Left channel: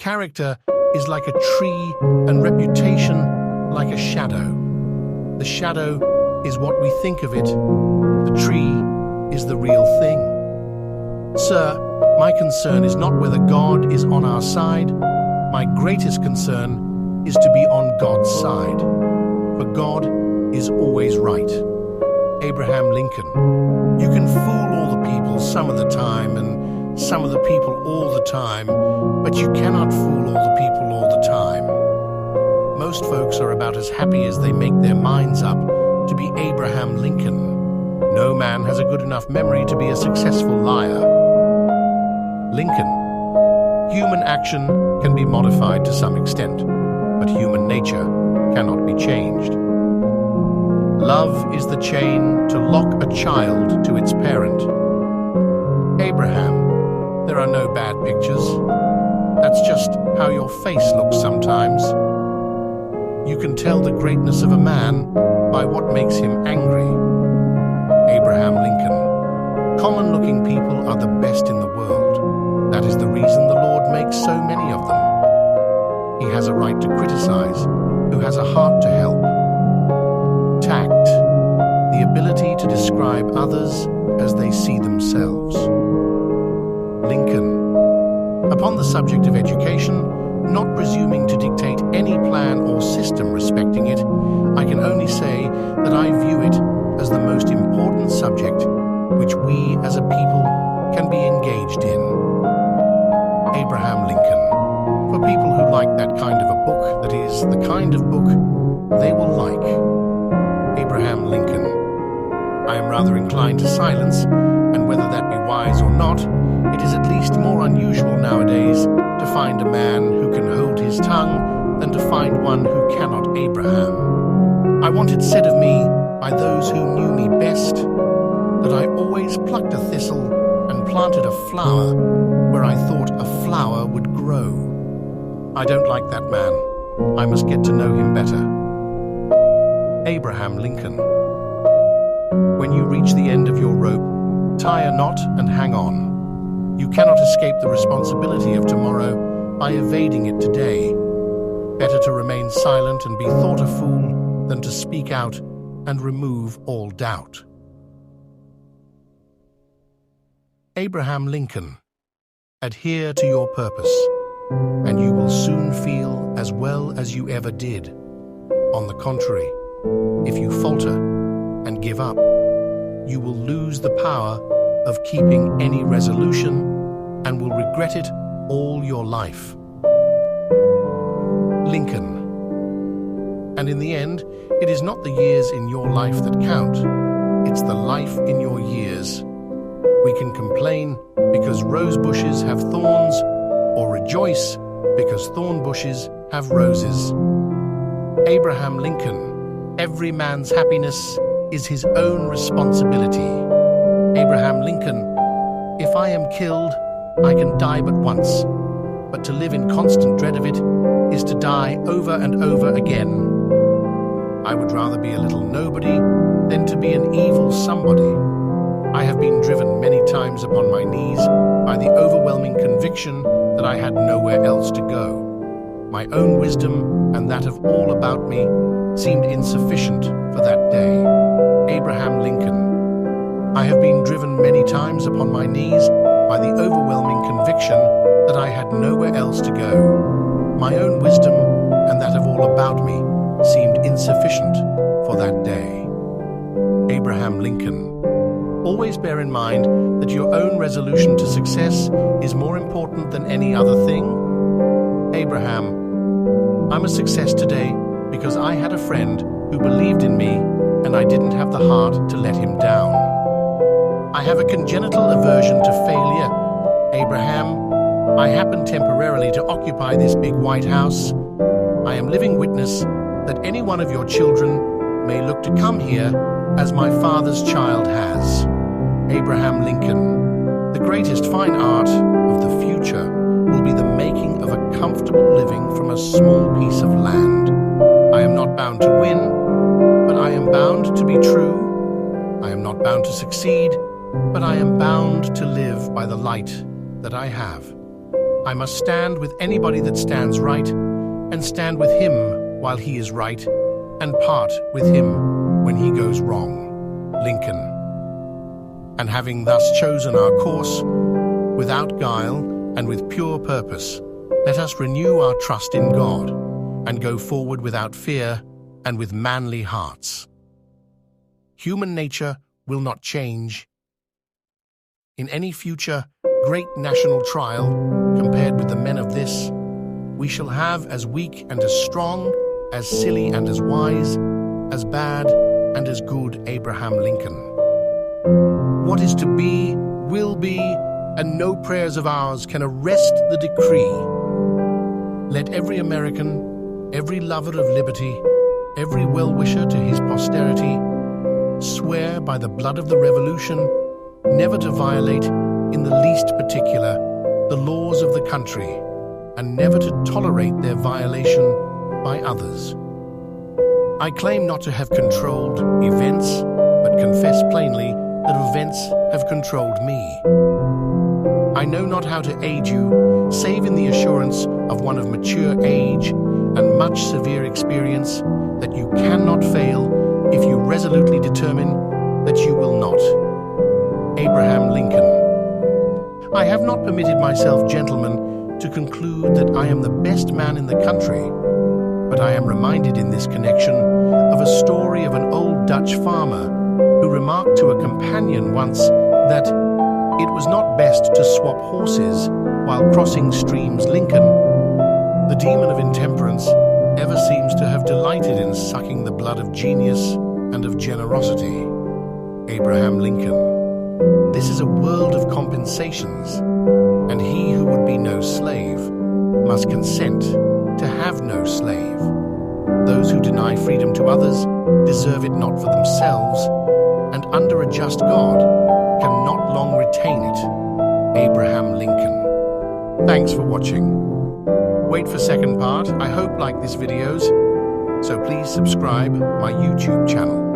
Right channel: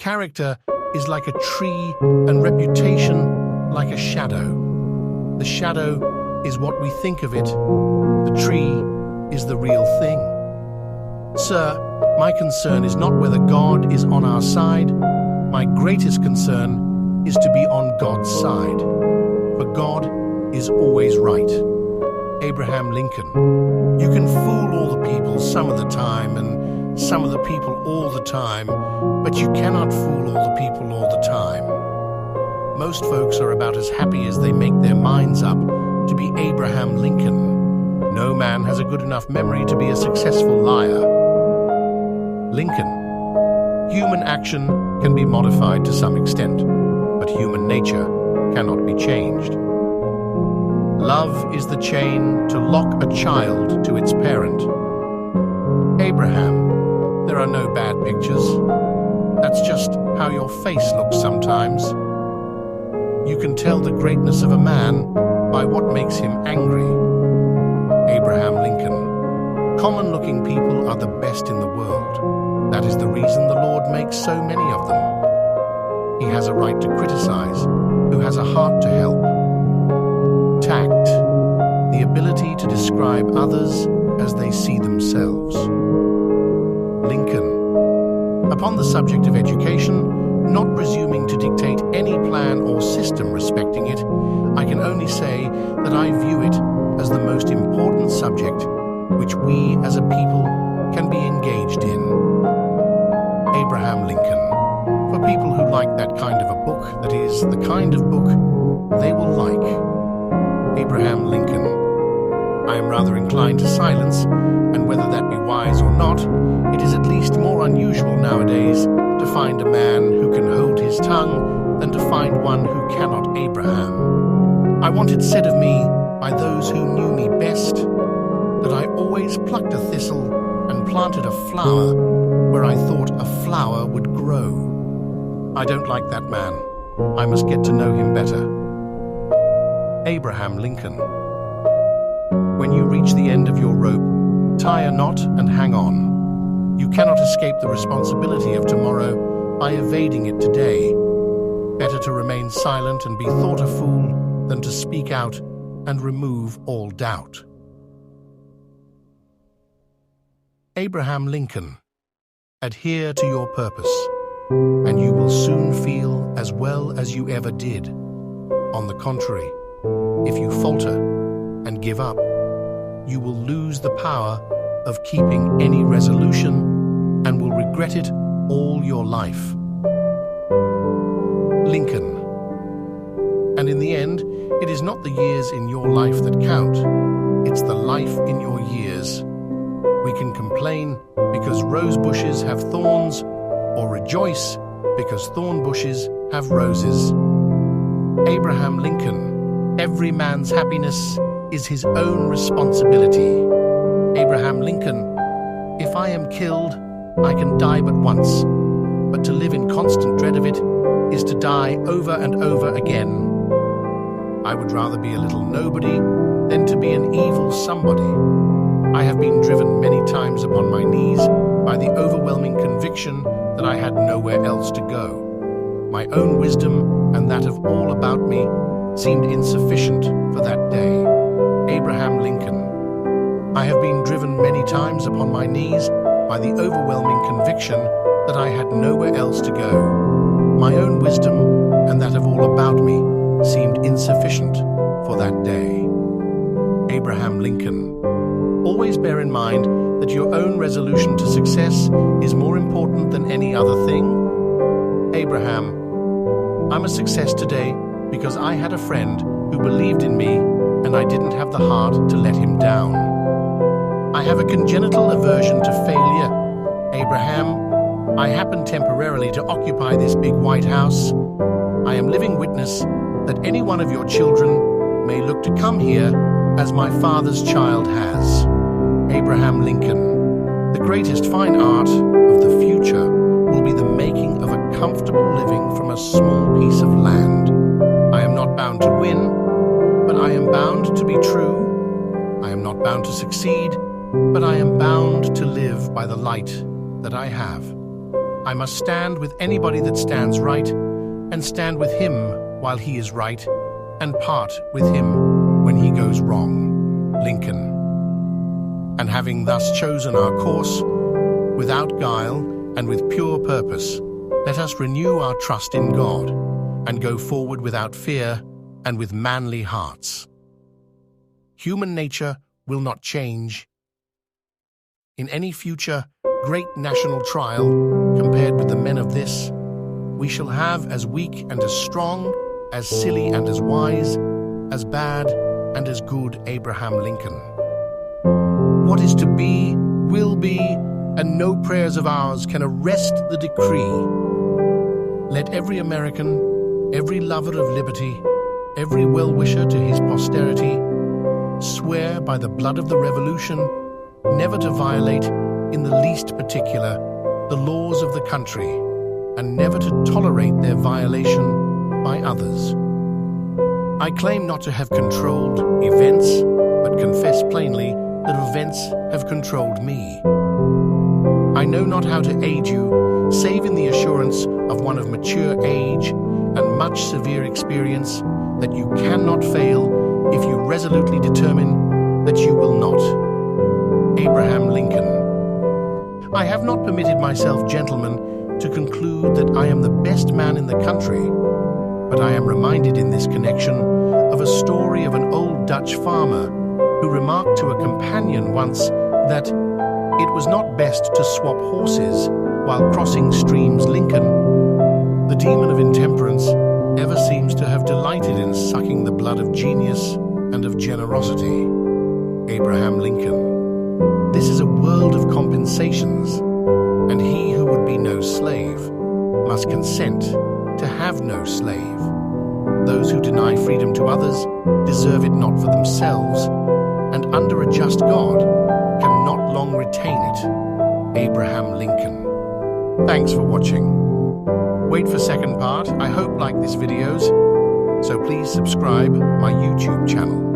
Character is like a tree and reputation like a shadow. The shadow is what we think of it. The tree is the real thing. Sir, my concern is not whether God is on our side. My greatest concern is to be on God's side. For God is always right. Abraham Lincoln. You can fool all the people some of the time and some of the people all the time, but you cannot fool all the people all the time. Most folks are about as happy as they make their minds up to be Abraham Lincoln. No man has a good enough memory to be a successful liar. Lincoln. Human action can be modified to some extent, but human nature cannot be changed. Love is the chain to lock a child to its parent. Abraham, there are no bad pictures. That's just how your face looks sometimes. You can tell the greatness of a man by what makes him angry. Abraham Lincoln. Common-looking people are the best in the world. That is the reason the Lord makes so many of them. He has a right to criticize, who has a heart to help. Tact, the ability to describe others as they see themselves. Lincoln. Upon the subject of education, not presuming to dictate any plan or system respecting it, I can only say that I view it as the most important subject which we as a people can be engaged in. Abraham Lincoln. For people who like that kind of a book, that is, the kind of book they will like. Abraham Lincoln. I am rather inclined to silence, and whether that be wise or not, it is at least more unusual nowadays to find a man who can hold his tongue than to find one who cannot. Abraham. I want it said of me by those who knew me best that I always plucked a thistle and planted a flower where I thought a flower would grow. I don't like that man. I must get to know him better. Abraham Lincoln. When you reach the end of your rope, tie a knot and hang on. You cannot escape the responsibility of tomorrow by evading it today. Better to remain silent and be thought a fool than to speak out and remove all doubt. Abraham Lincoln. Adhere to your purpose, and you will soon feel as well as you ever did. On the contrary, if you falter and give up, you will lose the power of keeping any resolution and will regret it all your life. Lincoln. And in the end, it is not the years in your life that count, it's the life in your years. We can complain because rose bushes have thorns, or rejoice because thorn bushes have roses. Abraham Lincoln. Every man's happiness is his own responsibility. Abraham Lincoln. If I am killed, I can die but once, but to live in constant dread of it is to die over and over again. I would rather be a little nobody than to be an evil somebody. I have been driven many times upon my knees by the overwhelming conviction that I had nowhere else to go. My own wisdom and that of all about me seemed insufficient for that day. Abraham Lincoln. I have been driven many times upon my knees by the overwhelming conviction that I had nowhere else to go. My own wisdom and that of all about me seemed insufficient for that day. Abraham Lincoln. Always bear in mind that your own resolution to success is more important than any other thing. Abraham. I'm a success today because I had a friend who believed in me and I didn't have the heart to let him down. I have a congenital aversion to failure. Abraham, I happen temporarily to occupy this big white house. I am living witness that any one of your children may look to come here as my father's child has. Abraham Lincoln. The greatest fine art of the future will be the making of a comfortable living from a small piece of land. I am not bound to win, but I am bound to be true. I am not bound to succeed, but I am bound to live by the light that I have. I must stand with anybody that stands right, and stand with him while he is right, and part with him when he goes wrong. Lincoln. And having thus chosen our course, without guile and with pure purpose, let us renew our trust in God, and go forward without fear and with manly hearts. Human nature will not change. In any future great national trial, compared with the men of this, we shall have as weak and as strong, as silly and as wise, as bad and as good Abraham Lincoln. What is to be, will be, and no prayers of ours can arrest the decree. Let every American, every lover of liberty, every well-wisher to his posterity, swear by the blood of the Revolution never to violate, in the least particular, the laws of the country, and never to tolerate their violation by others. I claim not to have controlled events, but confess plainly that events have controlled me. I know not how to aid you, save in the assurance of one of mature age and much severe experience, that you cannot fail if you resolutely determine that you will not. Abraham Lincoln. I have not permitted myself, gentlemen, to conclude that I am the best man in the country, but I am reminded in this connection of a story of an old Dutch farmer who remarked to a companion once that it was not best to swap horses while crossing streams. Lincoln, the demon of intemperance, ever seems to have delighted in sucking the blood of genius and of generosity. Abraham Lincoln. This is a world of compensations, and he who would be no slave must consent to have no slave. Those who deny freedom to others deserve it not for themselves, and under a just God cannot long retain it. Abraham Lincoln. Thanks for watching. Wait for second part. I hope like this videos, so please subscribe my YouTube channel.